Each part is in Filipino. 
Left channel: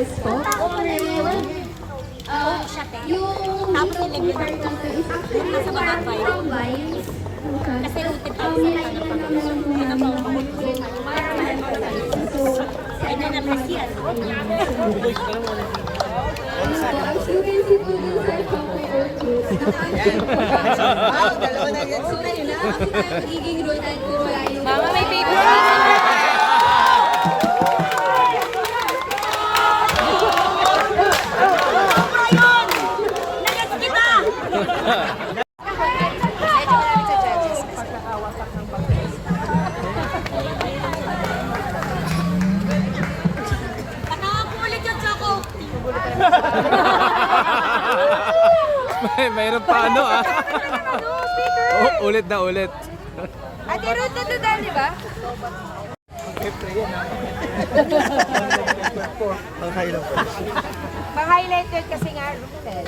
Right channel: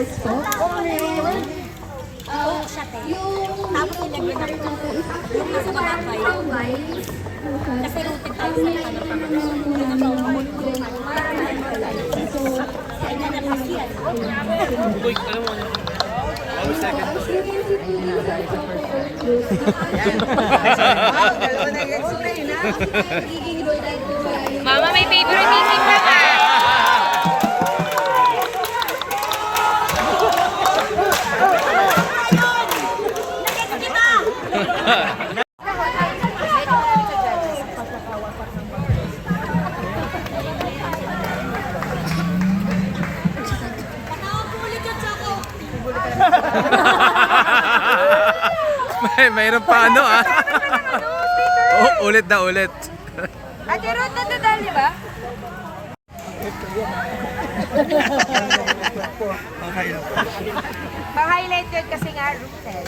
guys po. Yung part na to is actually sa mga vines. Kasi nilagyan naman so, sa inanan kasi yan. Mama, may favorite music pa ka. Mayroon pa ano ah. Oh, ulit na ulit. Ate Ruth, nadadali ba? Pang-highlighter kasi nga, Ruthel.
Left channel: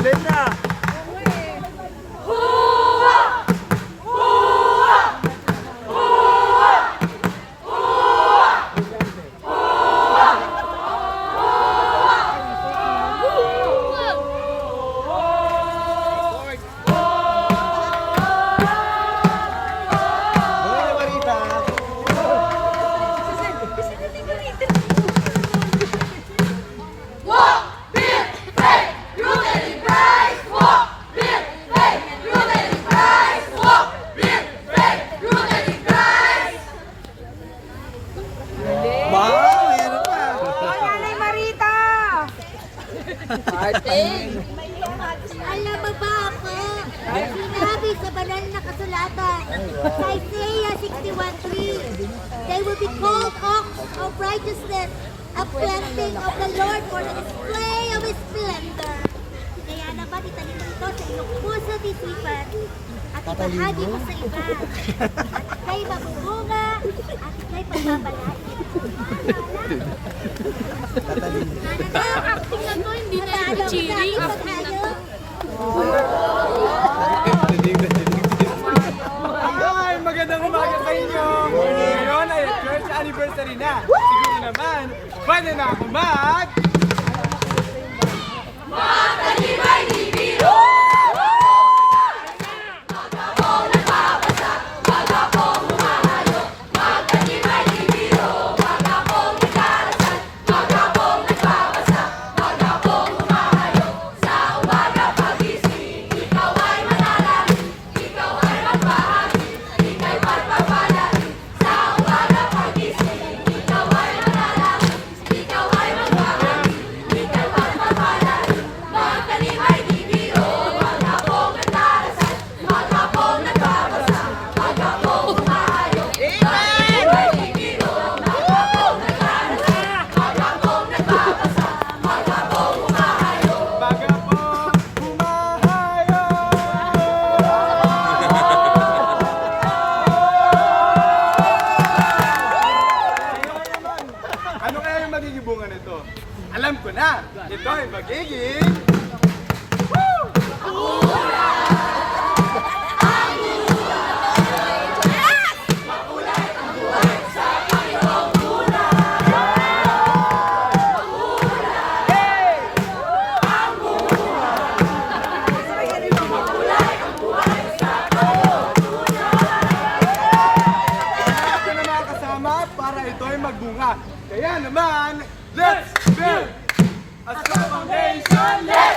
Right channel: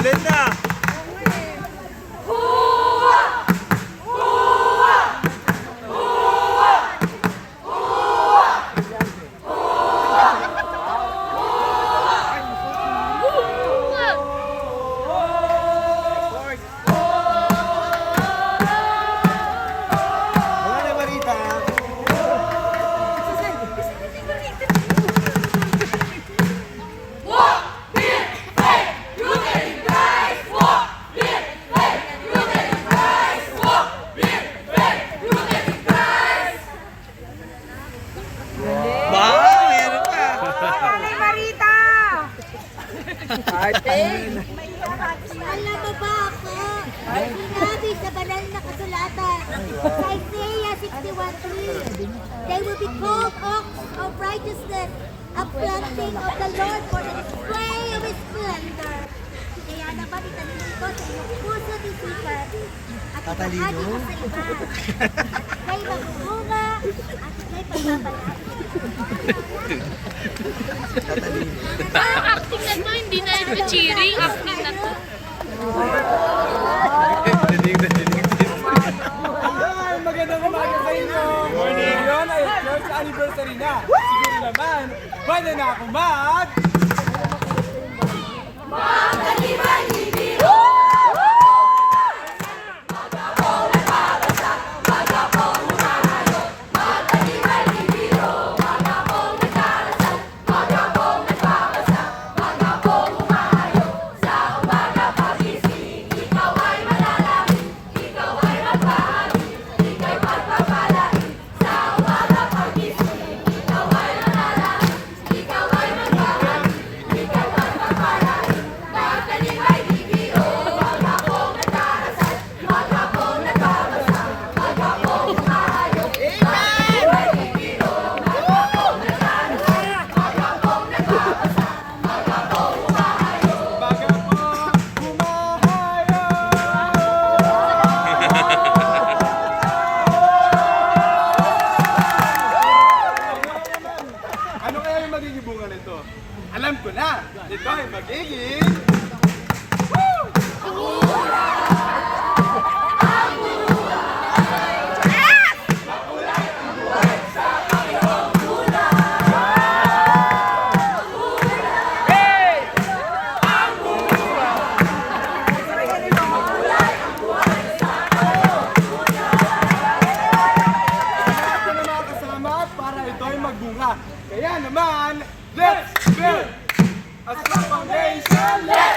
Ulit na. Alam mo ba ako? Sinabi sa banal na kasulatan sa Isaiah 61:3, they will be called oaks of righteousness, a planting of the Lord for the display of His splendor. Kaya naman itanim mo ito sa iyong puso at isipan at itahagi mo sa iba. At ika'y magbubunga at ika'y pagbabalaki. Acting na to, hindi na ito cheering. Acting na to. Ay, magandang umaga sa inyo! Ngayon ay church anniversary na. Siguro naman, pwede na ako mag... Magkatibay ni Biro! Ano kaya yung magiging bunga nito? Alam ko na! Ito ay magiging... para ito ay magbunga. Kaya naman, let's build a strong foundation! Let's